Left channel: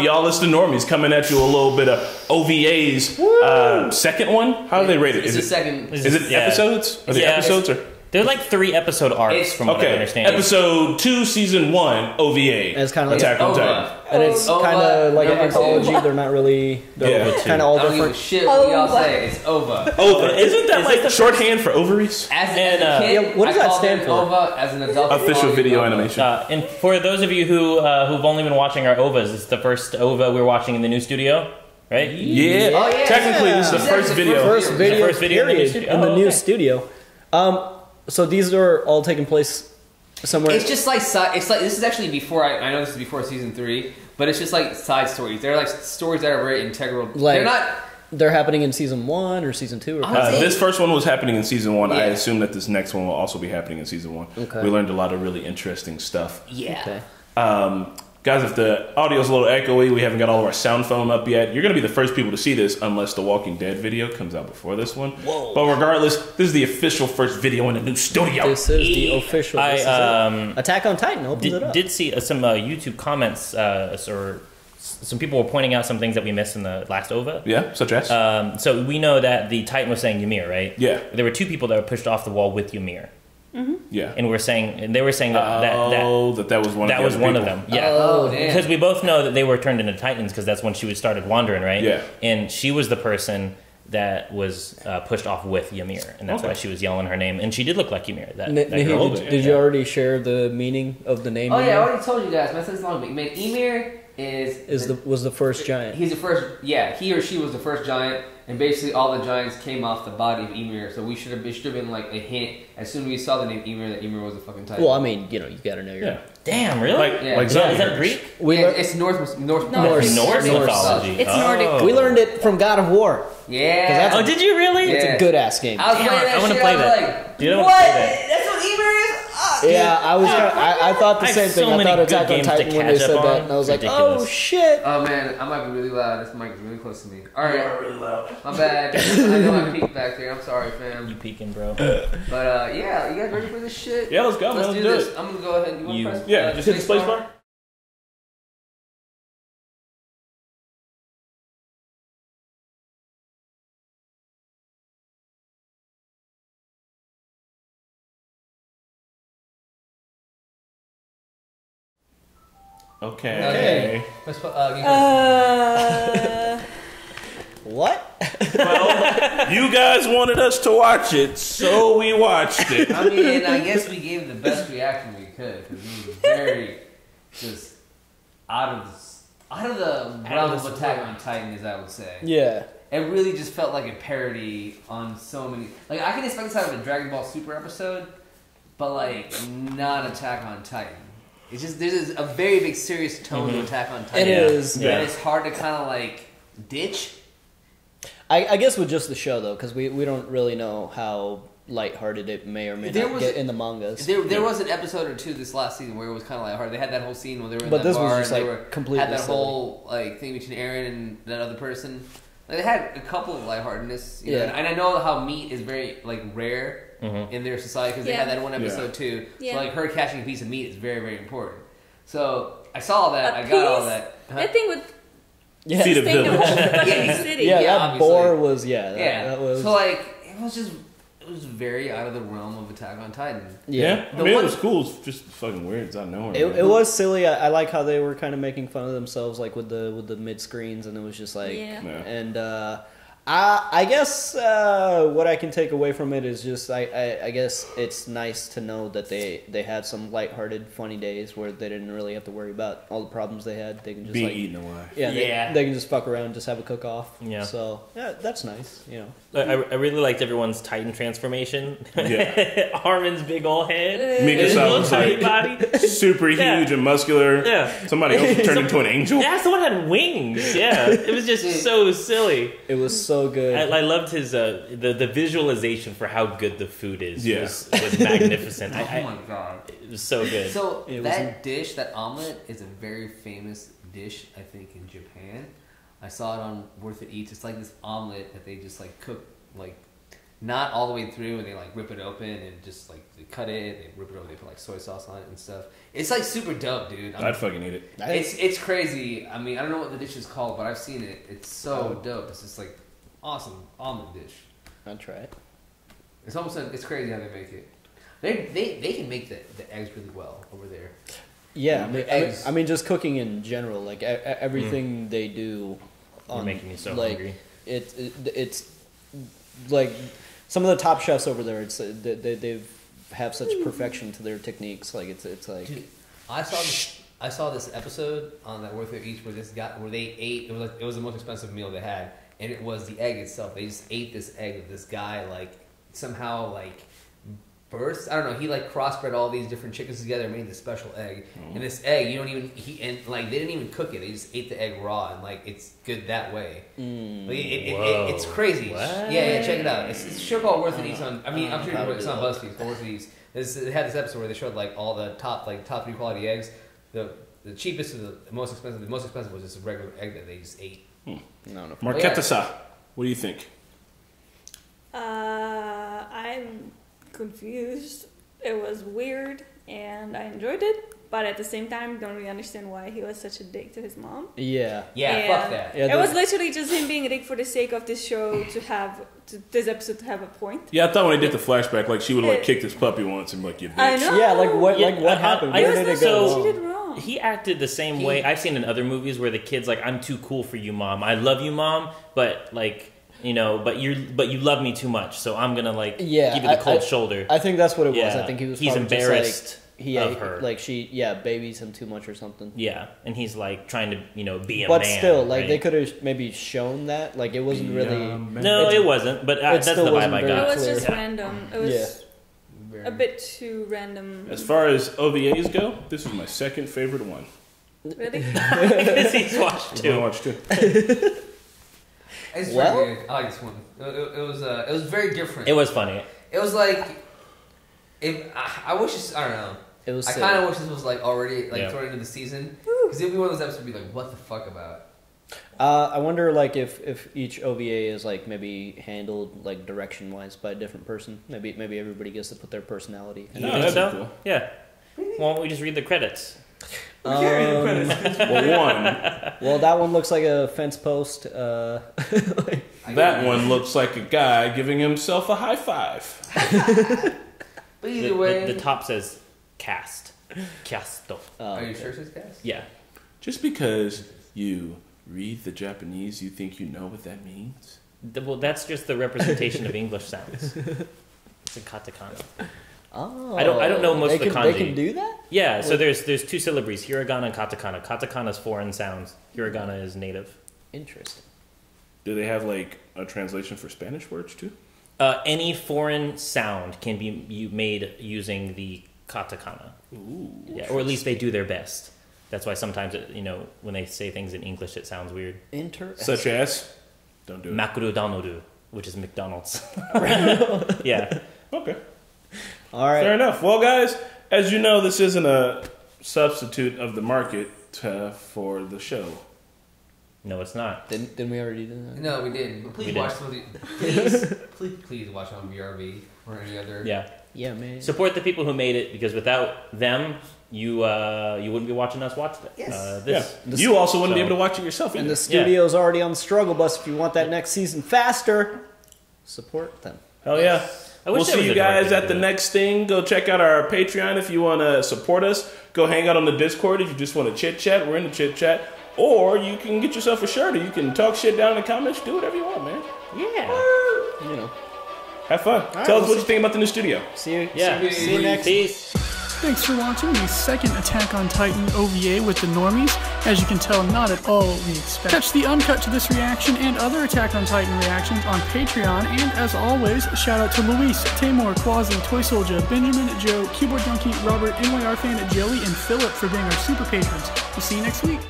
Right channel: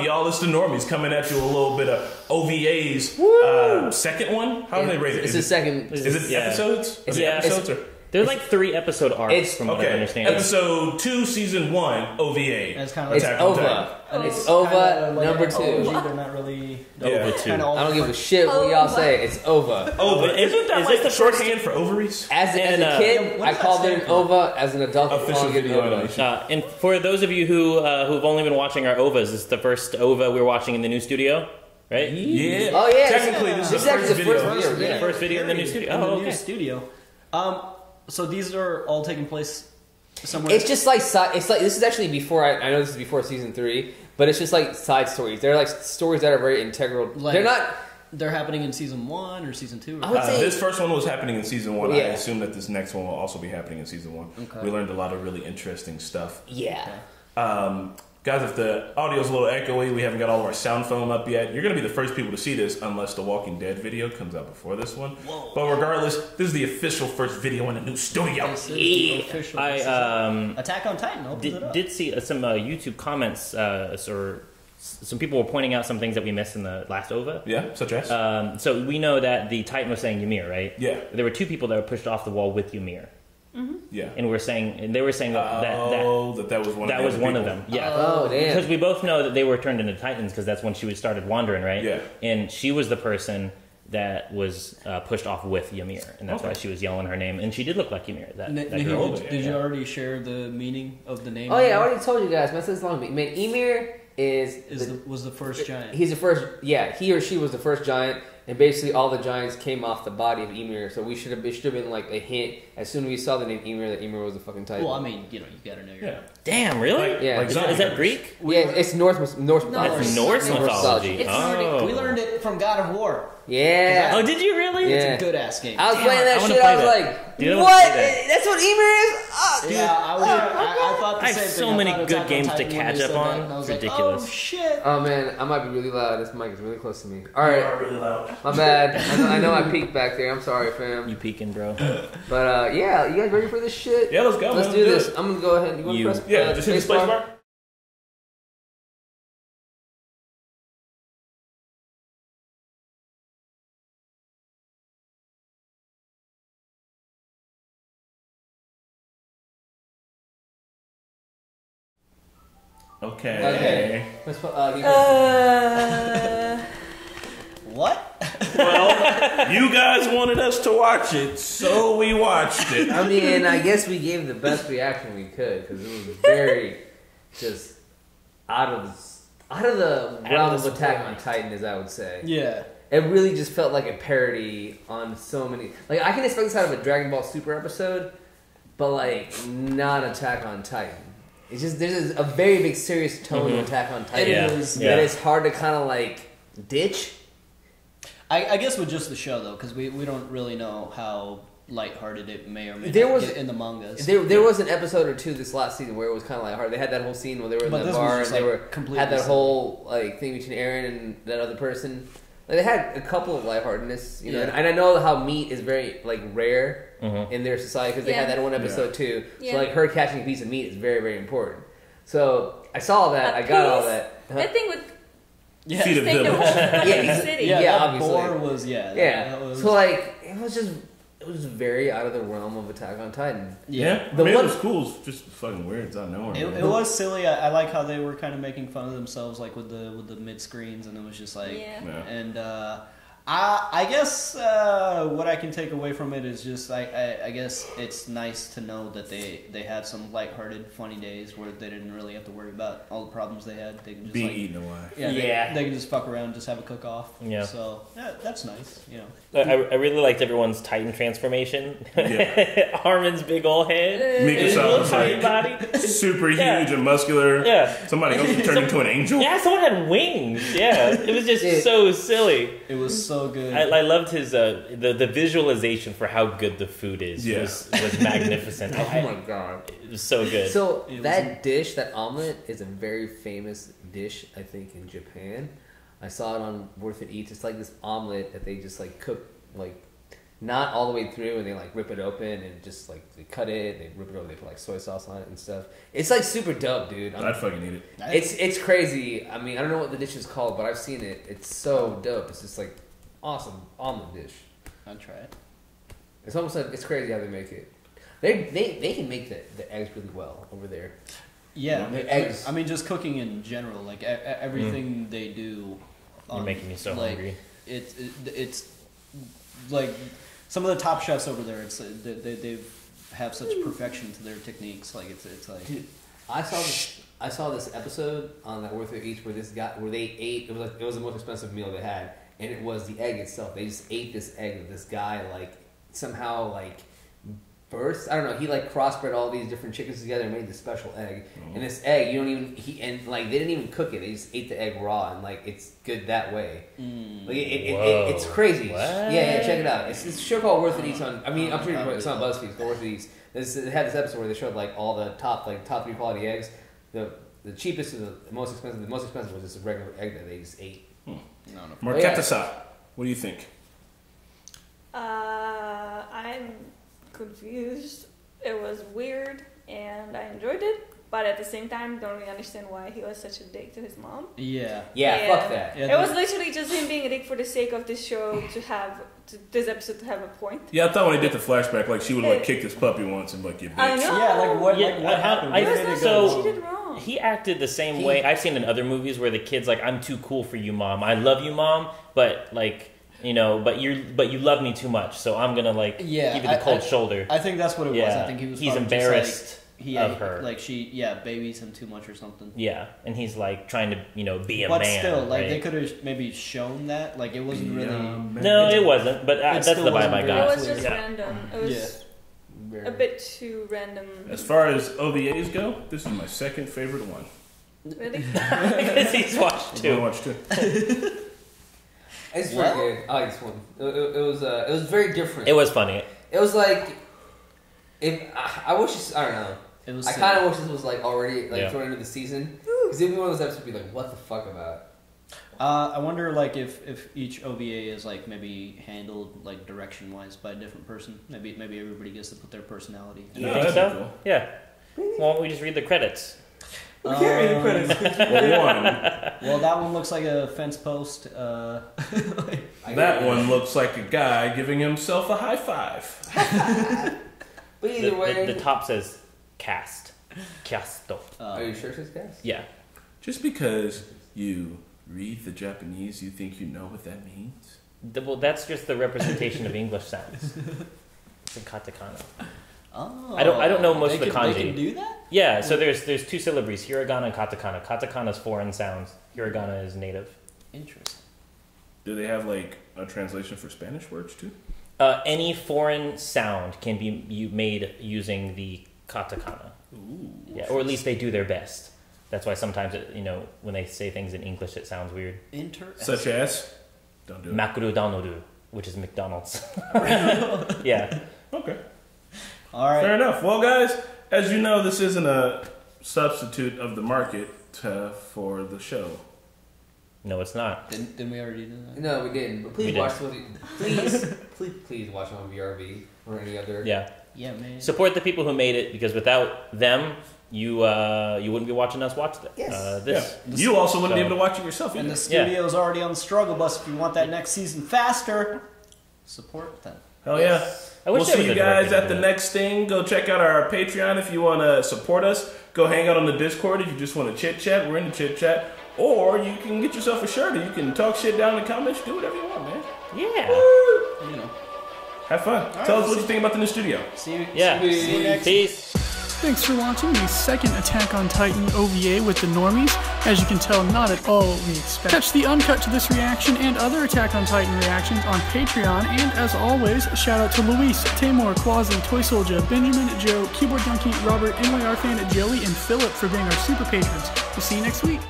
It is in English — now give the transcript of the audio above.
up, y'all? It's the Normies coming at you a little bit of OVA's second one. How do they rate it? It's the second. Is it episodes? Are they episodes? Or? They're like 3 episode arcs, from what I understand. Episode 2, season 1, OVA. And it's kind of like Attack on Titan. And it's kind of like an anthology. They're not really. They're kind of all different. I don't give a shit what y'all say. It's OVA. OVA. Isn't that like the shorthand for ovaries? As a kid, what does that stand for? OVA. As an adult, official video animation. And for those of you who've only been watching our OVAs, it's the first OVA we're watching in the new studio, right? Yeah. Oh yeah. Technically, it's the first video. The first video in the new studio. So these are all taking place somewhere. It's just like it's like this is actually before I know this is before season 3, but it's just like side stories. They're like stories that are very integral. Like, they're They're happening in season 1 or season 2? Or this first one was happening in season 1. Yeah. I assume that this next one will also be happening in season 1. Okay. We learned a lot of really interesting stuff. Yeah. Okay. Guys, if the audio's a little echoey, we haven't got all of our sound foam up yet. You're going to be the first people to see this unless the Walking Dead video comes out before this one. Whoa. But regardless, this is the official first video in the new studio. This is the official. Attack on Titan opens it up. Did see some YouTube comments or some people were pointing out some things that we missed in the last OVA. Yeah, such as? So we know that the Titan was saying Ymir, right? Yeah. There were 2 people that were pushed off the wall with Ymir. Mm-hmm. Yeah, and they were saying that was one. That was one of them. Yeah, because we both know that they were turned into Titans because that's when she started wandering, right? Yeah, and she was the person that was pushed off with Ymir, and that's why she was yelling her name. And she did look like Ymir. That girl. Did you already share the meaning of the name? Oh yeah, I already told you guys. Man, since long, man, Ymir was the first giant. He's the first. Yeah, he or she was the first giant. And basically, all the giants came off the body of Ymir, so it should have been like a hint as soon as we saw the name Ymir that Ymir was the fucking Titan. Well, I mean, you gotta know your. Yeah. Damn, really? Is that Greek? It's Norse mythology. It's Nordic. We learned it from God of War. Yeah. Oh, did you really? It's a good ass game. I was playing that. I want to play that. Like, that's what Ymir is. Yeah, I thought the same thing. So many good games to catch up on. And I was ridiculous. Like, oh shit. Oh man, I might be really loud. This mic is really close to me. All right, you are really loud. My bad. I know I peeked back there. I'm sorry, fam. You peeking, bro. But yeah, you guys ready for this shit? Yeah, let's go. Let's do this. I'm gonna go ahead. You want to press? Yeah, just hit the space bar. Okay. What? Well, you guys wanted us to watch it, so we watched it. I mean, I guess we gave the best reaction we could because it was very just out of the realm of Attack on Titan, as I would say. Yeah. It really just felt like a parody on so many. Like, I can expect this out of a Dragon Ball Super episode, but like not Attack on Titan. It's just there's a very big serious tone of Attack on Titan. It is. That it's hard to kind of like ditch. I guess with just the show though, because we don't really know how lighthearted it may or may not get in the mangas. There was an episode or two this last season where it was kind of lighthearted. They had that whole scene where they were in that bar and they had that whole like thing between Eren and that other person. Like, they had a couple of lightheartedness, you know, and I know how meat is very like rare in their society because they had that one episode too. So like her catching a piece of meat is very, very important. So I saw that, I got all that. That thing with feed a village. City. Yeah, that obviously. boar was that was... So like it was very out of the realm of Attack on Titan. Yeah. I mean, it was cool. It's just fucking weird. It's out of nowhere. It was silly. I like how they were kind of making fun of themselves, like with the mid screens, and it was just like, and I guess what I can take away from it is just I guess it's nice to know that they had some lighthearted, funny days where they didn't really have to worry about all the problems they had. They can just eaten away. Yeah, they can just fuck around, just have a cook off. Yeah. So that's nice. You know. I really liked everyone's Titan transformation. Yeah. Armin's big old head. Mika-san's like super huge and muscular. Yeah. Somebody else turned into an angel. Yeah, someone had wings. Yeah. It was just so silly. It was so good. I loved his the visualization for how good the food is. Yeah. was magnificent. Oh my god. It was so good. So that dish, that omelet, is a very famous dish, I think, in Japan. I saw it on Worth It Eats. It's like this omelet that they just like cook like not all the way through, and they like rip it open and just like they cut it and rip it open. They put like soy sauce on it and stuff. It's like super dope, dude. I'd fucking eat it. It's crazy. I mean, I don't know what the dish is called, but I've seen it. It's so dope. It's just like awesome omelet dish. I'll try it. It's almost like it's crazy how they make it. They can make the eggs really well over there. Yeah, I mean, just cooking in general, like everything they do. You're making me so like, hungry. It's like some of the top chefs over there. It's they have such perfection to their techniques. Like it's like I saw this episode on that Worth It Each where they ate. It was the most expensive meal they had, and it was the egg itself. They just ate this egg that this guy like somehow like birthed. I don't know. He like crossbred all these different chickens together and made this special egg. And this egg, you don't even they didn't even cook it. They just ate the egg raw, and like it's good that way. Like, it's crazy. What? Yeah, check it out. It's a show called Worth It Eats on. I mean, I'm sure it's on BuzzFeed. It's called Worth It Eats. It had this episode where they showed like all the top 3 quality eggs. The cheapest and the most expensive. The most expensive was just a regular egg that they just ate. Marqueta-sa, what do you think? I'm confused. It was weird, and I enjoyed it. But at the same time, don't really understand why he was such a dick to his mom. Yeah, fuck that. It was literally just him being a dick for the sake of this show this episode to have a point. Yeah, I thought when they did the flashback, like she would have like kicked his puppy once and like, you bitch. I know. Yeah, like what happened? She did wrong. He acted the same way I've seen in other movies where the kid's like, "I'm too cool for you, mom. I love you, mom, but like." You know, but you love me too much, so I'm gonna like give you the cold shoulder. I think that's what it was. I think he's embarrassed of her. Like she, babies him too much or something. Yeah, and he's like trying to be a man. But still, like they could have maybe shown that. Like it wasn't really. No, it wasn't. But that's the vibe I got. It was just random. It was a bit too random. As far as OVAs go, this is my second favorite one. Really? Because he's watched two. I watched two. It's very good. I like this one. It was very different. It was funny. It was like, I wish this, I don't know. It was. I kind of wish this was like already like thrown into the season, because it'd be one of those episodes would be like, what the fuck about? I wonder like if each OVA is like maybe handled like direction wise by a different person. Maybe everybody gets to put their personality. You think so? Cool. Yeah. Why don't we just read the credits? Well, that one looks like a fence post. That one looks like a guy giving himself a high five. But either way, the top says cast. Casto. Are you sure it says cast? Yeah. Just because you read the Japanese, you think you know what that means? Well, that's just the representation of English sounds. It's in katakana. Oh, I don't know most of the kanji. They can do that? Yeah, so there's two syllables, hiragana and katakana. Katakana is foreign sounds. Hiragana is native. Interesting. Do they have like a translation for Spanish words too? Any foreign sound can be made using the katakana. Ooh, yeah, or at least they do their best. That's why sometimes when they say things in English, it sounds weird. Interesting. Such as, don't do it. Makuru danoru, which is McDonald's. Yeah. Okay. All right. Fair enough. Well, guys, as you know, this isn't a substitute of the market for the show. No, it's not. Didn't we already do that? No, we didn't. But please watch the movie. Please watch it on VRV or any other. Yeah. Yeah, man. Support the people who made it, because without them, you wouldn't be watching us watch this. Yeah. You also wouldn't be able to watch it yourself either. And the studio's already on the struggle bus. If you want that next season faster, support them. Hell yeah. We'll see you guys at the next thing. Go check out our Patreon if you want to support us. Go hang out on the Discord if you just want to chit chat. We're in the chit chat. Or you can get yourself a shirt, or you can talk shit down in the comments. Do whatever you want, man. Yeah. Have fun. Tell us what you think about the new studio. See you next. Peace. Thanks for watching the second Attack on Titan OVA with the Normies. As you can tell, not at all what we expect. Catch the uncut to this reaction and other Attack on Titan reactions on Patreon. And as always, shout out to Luis, Tamor, Quasi, Toy Soldier, Benjamin, Joe, Keyboard Junkie, Robert, NYR Fan, Joey, and Philip for being our super patrons. We'll see you next week.